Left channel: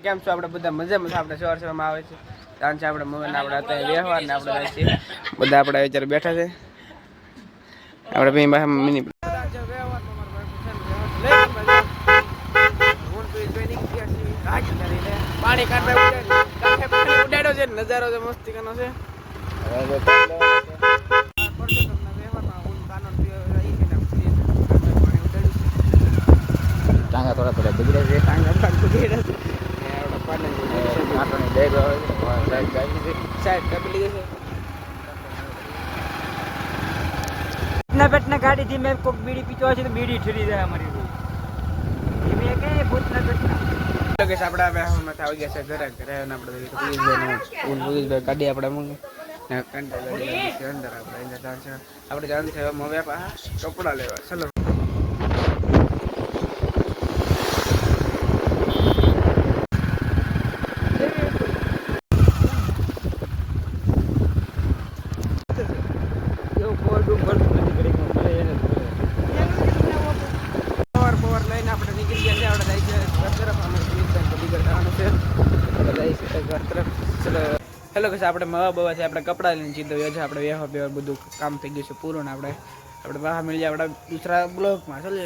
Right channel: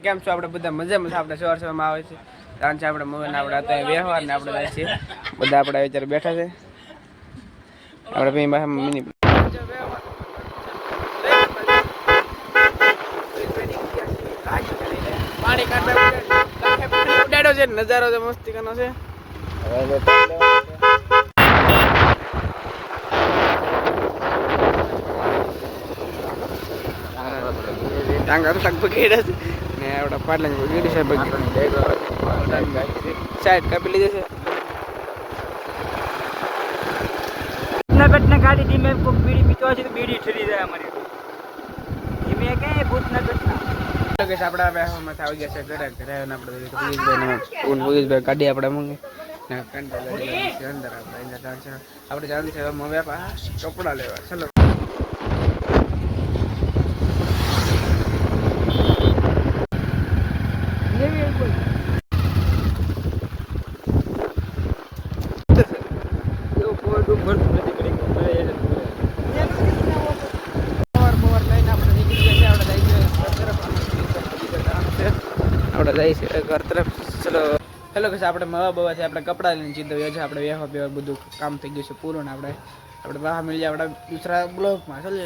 કેમ છો આપણે બધા મજામાં બધા સવાર સવારમાં આવે છે તાંચા આપણે મન આપડે ત્યાં વેહવાર ને આપણે આવી છે બધા આપણે આ ચારે બેઠા છે આપણે ભી માં મિની જ વેવા પાણી કાઢે ઉડે ઉડાડો છે નજારો તો મસ્તી કરવાનો છે ચાંગા થોડા થોડા વીરા દે ચાંગા સગ તો કેડસ કવાડ લઈ લેગીશે બગ તો નઈ દેખો સાઈડ કાપી લેજે છે એટના બેટના ગાડીધી મે કોઈ બીડી પીચવા છે તો બીડી ઠરી જાય મારી ધીમે કે ભૂત ન દેખના લોકો જે આપડા બેહો મત આવી ગય છે ધરા ધરા ને આપડે પોલીસ બેનું ઉન પોલીસ બે ગાડી આપડે મંગે ના કાંટા લઈ લે છે અંદર આપડે જાતા હશું આપડે જાન છે મોબાપા કપડા લેવા ચલો હેલો કશ આપણે મવા છે આપણે કપડાં લઈને ચિંતા છે આપણે વ્યવહાર વ્યવહાર બધું કામ થઈ ગયું છે પૂરું ને આપણે આપણે વાહ મળી જાય આપણે દૂસરા બ્લોકમાં ચાલે